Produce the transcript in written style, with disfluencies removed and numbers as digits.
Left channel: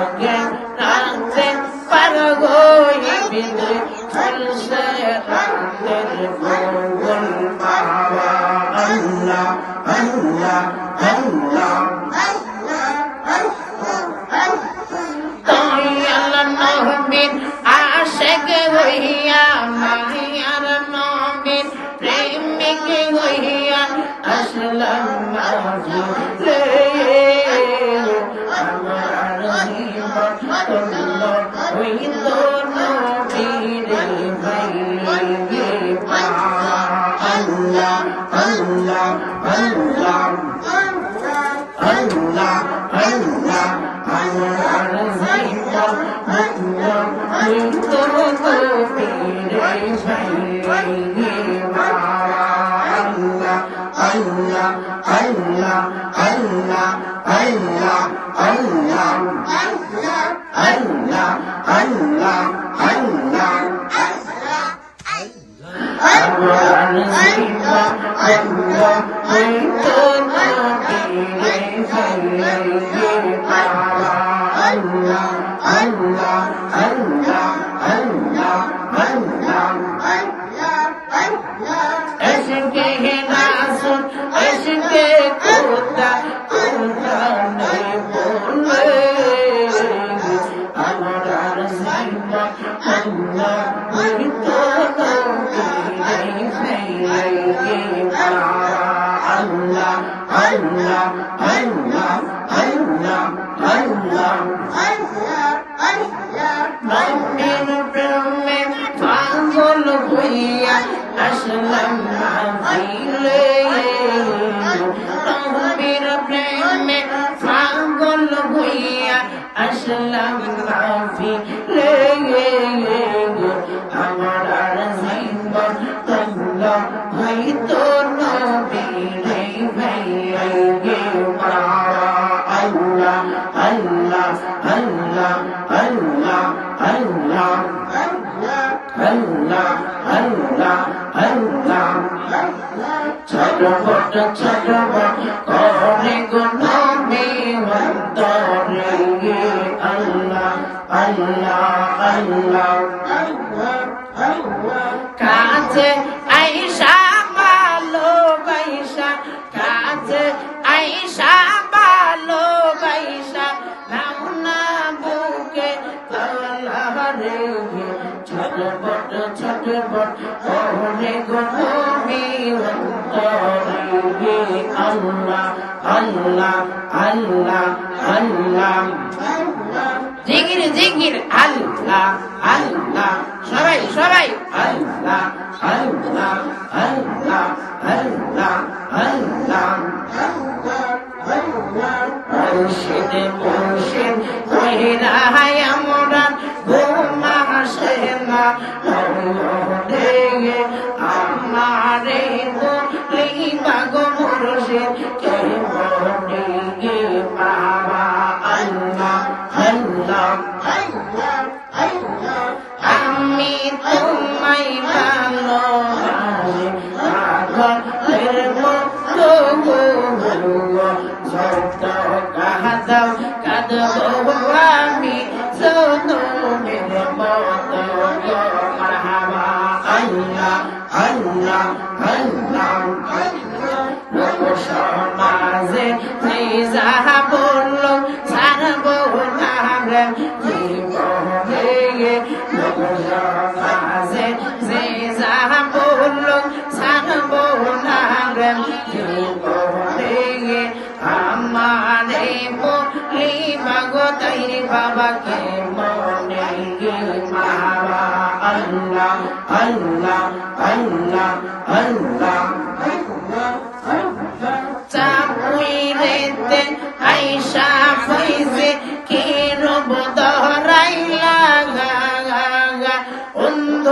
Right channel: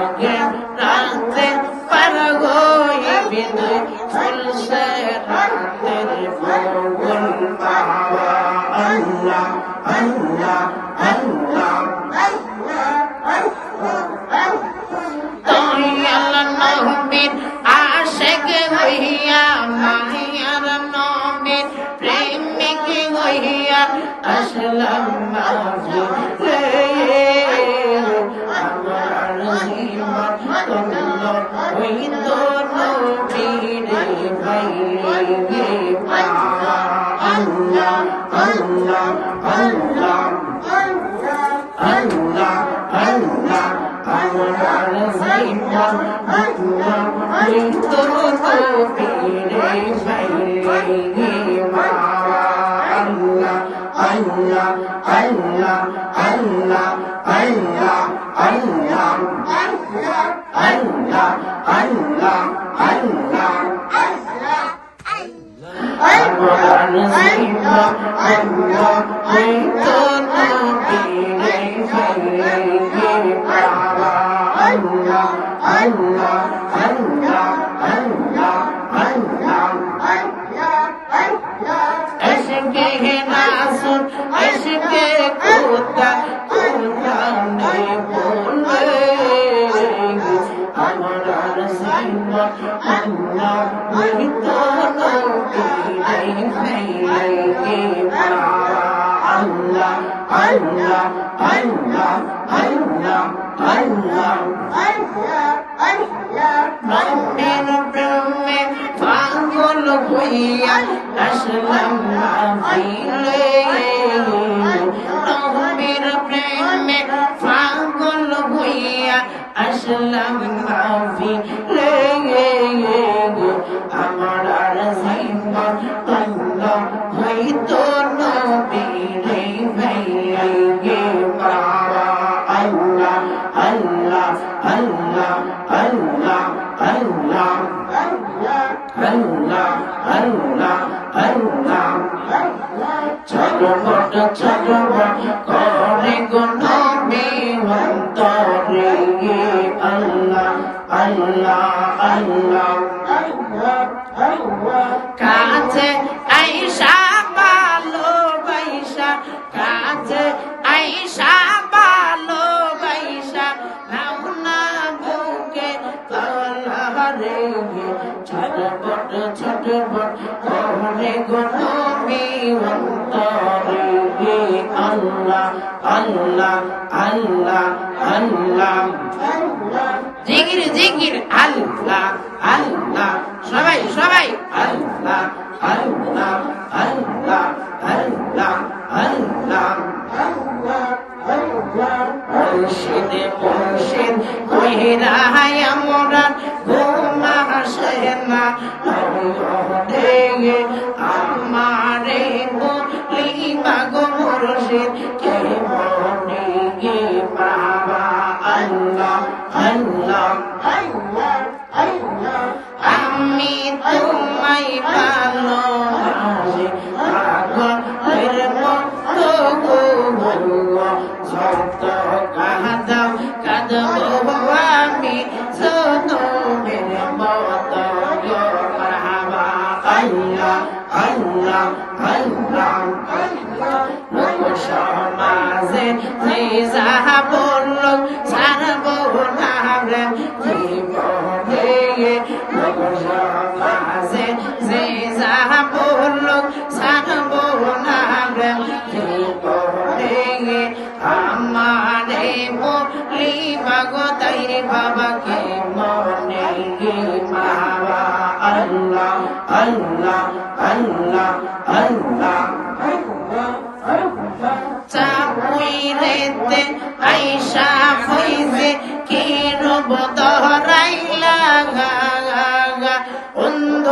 আগে রাতে পার হইবি তুই ফুলসে রাতের গোল বাবা আল্লাহ আল্লাহ আল্লাহ নবীর আশেক হইয়া মায়ার নবীর প্রেমিক হইয়া আসলাম মাঝিলে আমার জীবন তন্ন হইত নবীরে ভাইলে বাবা আল্লাহ আল্লাহ আল্লাহ আল্লাহ আল্লাহ আমার জীবন হইত নবীরে ভাইলে বাবা আল্লাহ আল্লাহ আল্লাহ আল্লাহ আল্লাহ আল্লাহ আল্লাহ আল্লাহ আল্লাহ আমার জীবন হইত নবীরে ভাইলে বাবা আল্লাহ আল্লাহ আল্লাহ আল্লাহ আল্লাহ এসকে রাসূল এসকে খোদা কোরআনে বলে আমার জীবন আল্লাহ হইত নবীরে ভাইলে বাবা আল্লাহ আল্লাহ আল্লাহ আল্লাহ আল্লাহ নবীর প্রেমে পাগল হইয়া আসলাম মাহফিলে নবীর প্রেমে পাগল হইয়া আসলাম মাহফিলে আমার জীবন তন্ন হইত নবীরে ভাইলে বাবা আল্লাহ আল্লাহ আল্লাহ আল্লাহ আল্লাহ আল্লাহ আল্লাহ আল্লাহ ছটফট ছটফট করে গো নবী অন্তরে আল্লাহ আল্লাহ আল্লাহ কাছে আইসা ভালোবাসা কাছে আইসা ভালোবাসা নাও না বুকে তলহারে ছটফট ছটফট করে গো নবী অন্তরে আল্লাহ আল্লাহ আল্লাহ আল্লাহ জিকির জিকির আল্লাহ আল্লাহ সবাই সবাই আল্লাহ আল্লাহ আল্লাহ আল্লাহ আল্লাহ মুর্শিদ মুর্শিদ কইরা আমরা ঘুম আসে না রে আমারে বলিবা গো মুর্শিদ কে মনে বাবা আল্লাহ আল্লাহ আমি তোমায় ভালোবাসি পাগলের মতো যত কাঁদাও কাঁদবো আমি জনমের মতো মারহাবা আল্লাহ আল্লাহ আল্লাহ লোক সমাজে যে যাহা বলল ছাড়বো না রে জীবনে লোক সমাজে যে যাহা বলল ছাড়বো না রে জীবনে আমারে বলিবা গো তাইরে বাবাকে মনে বাবা আল্লাহ আল্লাহ আল্লাহ আল্লাহ চাপুইরেতে আইসা ফইজে কি রব দহরাইলা গা গা অন্ধ